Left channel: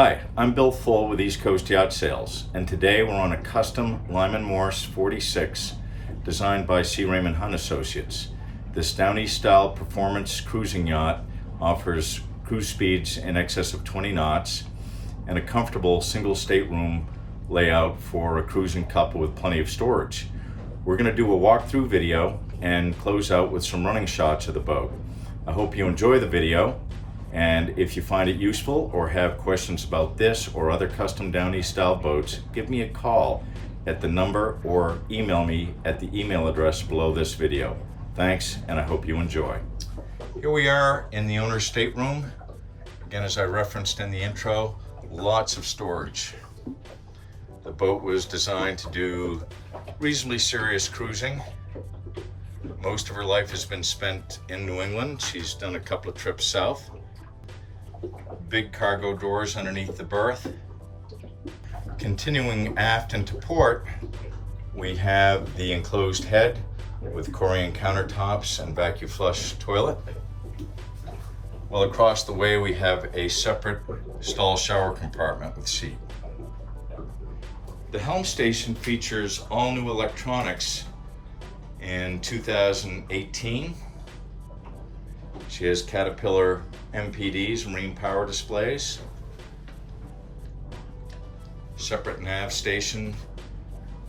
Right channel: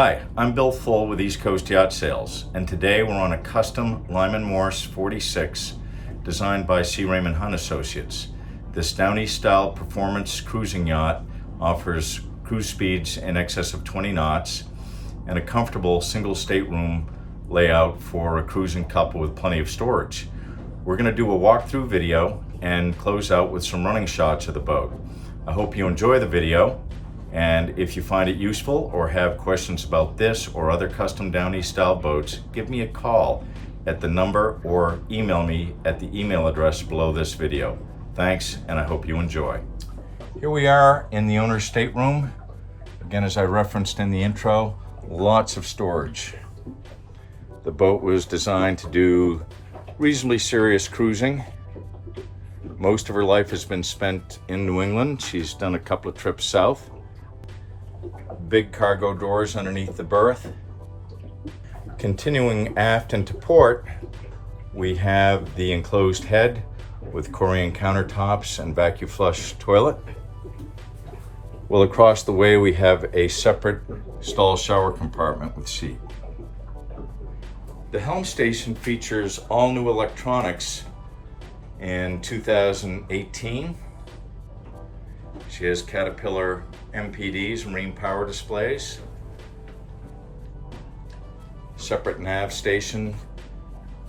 Hi, I'm Bill Full with East Coast Yacht Sales, and today we're on a custom LYMAN MORSE 46 designed by C. Raymond Hunt Associates. This Downeast style performance cruising yacht offers cruise speeds in excess of 20 knots and a comfortable single stateroom layout for a cruising couple with plenty of storage. We're going to do a walkthrough video and close out with some running shots of the boat. I hope you enjoy the video. And if you find it useful or have questions about this or other custom Downeast style boats, give me a call at the number or email me at the email address below this video. Thanks, and I hope you enjoy. Here we are in the owner's stateroom. Again, as I referenced in the intro, lots of storage. The boat was designed to do reasonably serious cruising. Most of her life has been spent in New England. She's done a couple of trips south. Big cargo doors underneath the berth. Continuing aft into port, we have the enclosed head with Korean countertops and vacuum flush toilet. Well, across the way we have a separate stall shower compartment with seat. The Helm station features all new electronics in 2018. She has Caterpillar MPDs, marine power displays. Separate nav station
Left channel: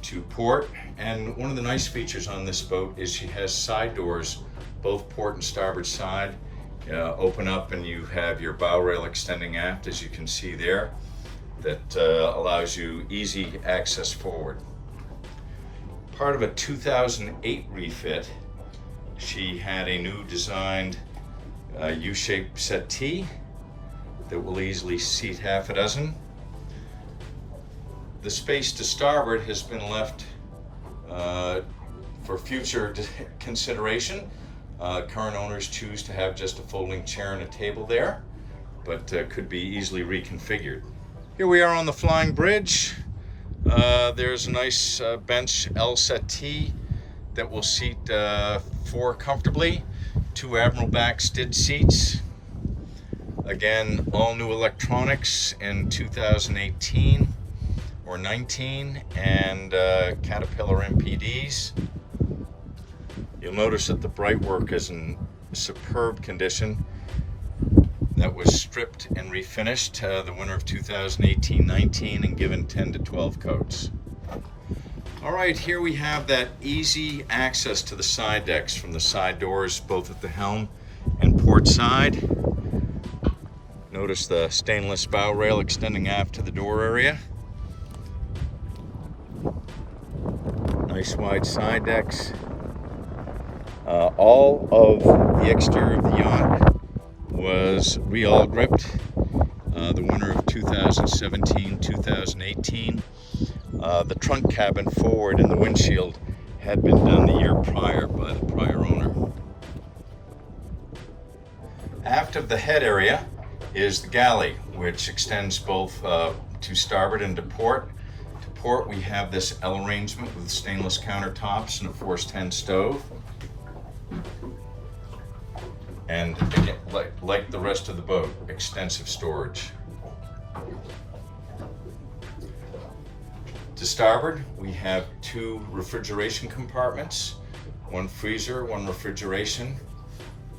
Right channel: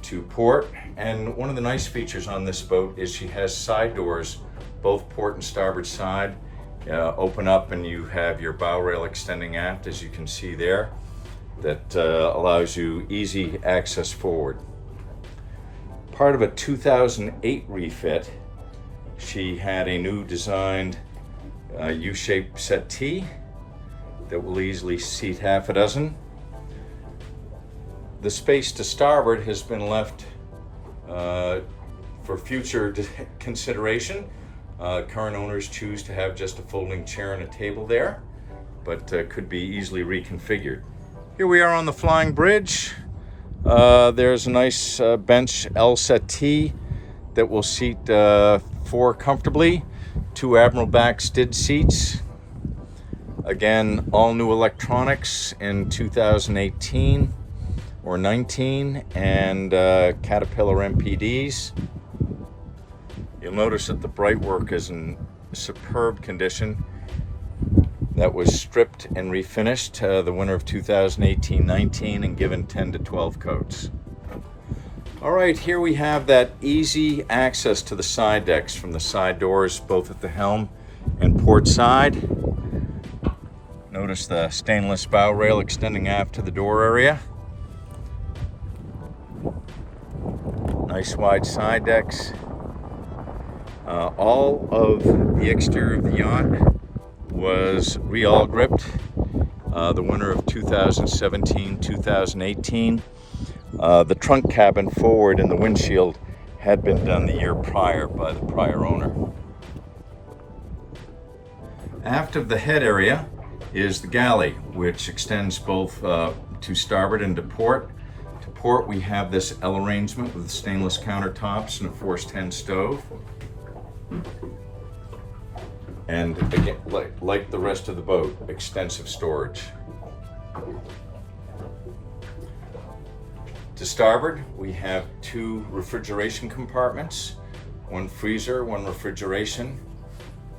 to port. And one of the nice features on this boat is she has side doors, both port and starboard side. Open up and you have your bow rail extending aft, as you can see there. That allows you easy access forward. Part of a 2008 refit, she had a new designed U-shaped settee that will easily seat half a dozen. The space to starboard has been left for future consideration. Current owners choose to have just a folding chair and a table there, but could be easily reconfigured. Here we are on the flying bridge. There's a nice bench L settee that will seat four comfortably. Two Admiral back skid seats. Again, all new electronics in 2018 or 19 and Caterpillar MPDs. You'll notice that the brightwork is in superb condition. That was stripped and refinished the winter of 2018-19 and given 10 to 12 coats. All right, here we have that easy access to the side decks from the side doors, both at the helm and port side. Notice the stainless bow rail extending aft to the door area. Nice wide side decks. All of the exterior of the yacht was Awlgripped the winter of 2017-2018. The trunk cabin forward and the windshield had been done the year prior by the prior owner. Aft of the head area is the galley, which extends both to starboard and to port. To port, we have this L arrangement with stainless countertops and a Force 10 stove. And again, like the rest of the boat, extensive storage. To starboard, we have two refrigeration compartments, one freezer, one refrigeration.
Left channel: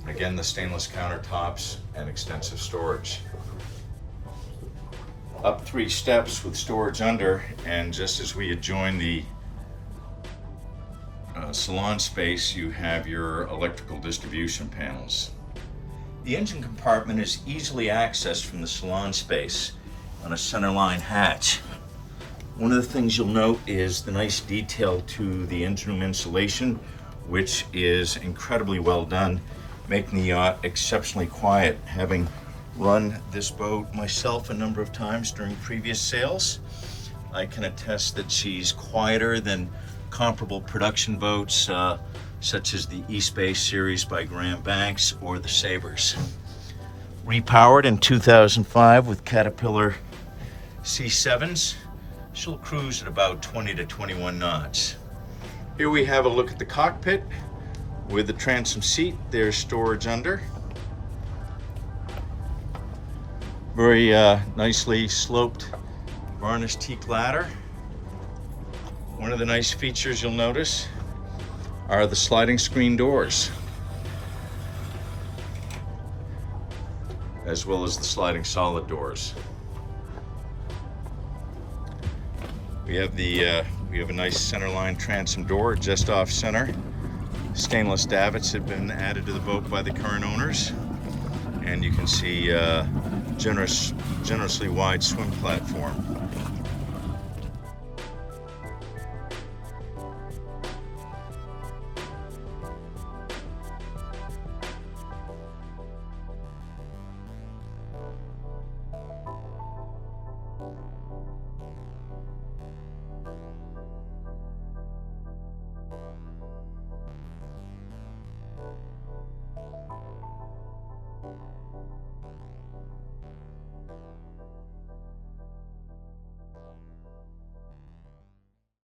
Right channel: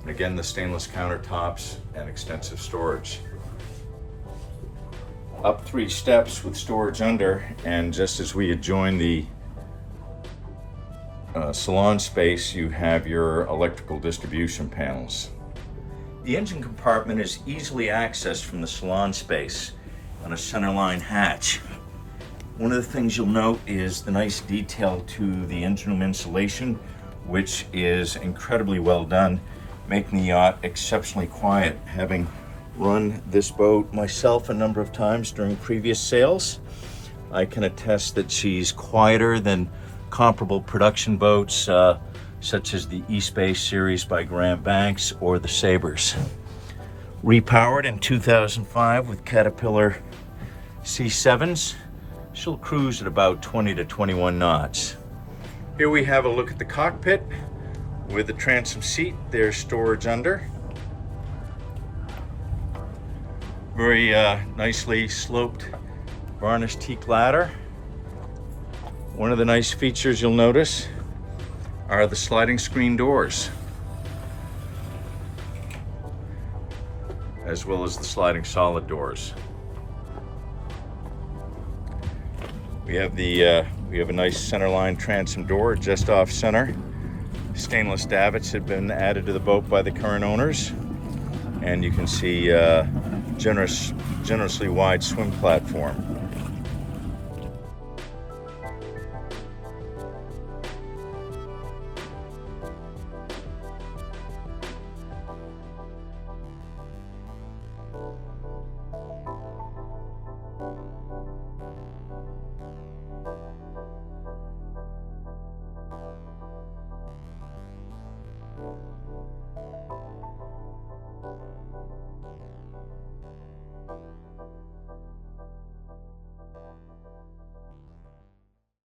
Again, the stainless countertops and extensive storage. Up 3 steps with storage under, and just as we had joined the salon space, you have your electrical distribution panels. The engine compartment is easily accessed from the salon space on a centerline hatch. One of the things you'll note is the nice detail to the engine room insulation, which is incredibly well done, making the yacht exceptionally quiet. Having run this boat myself a number of times during previous sales, I can attest that she's quieter than comparable production boats such as the East Bay series by Graham Banks or the Sabres. Repowered in 2005 with Caterpillar C7s, she'll cruise at about 20 to 21 knots. Here we have a look at the cockpit with the transom seat. There's storage under. Very nicely sloped varnished teak ladder. One of the nice features you'll notice are the sliding screen doors, as well as the sliding solid doors. We have a nice centerline transom door just off center. Stainless davits have been added to the boat by the current owners, and you can see generously wide swim platform.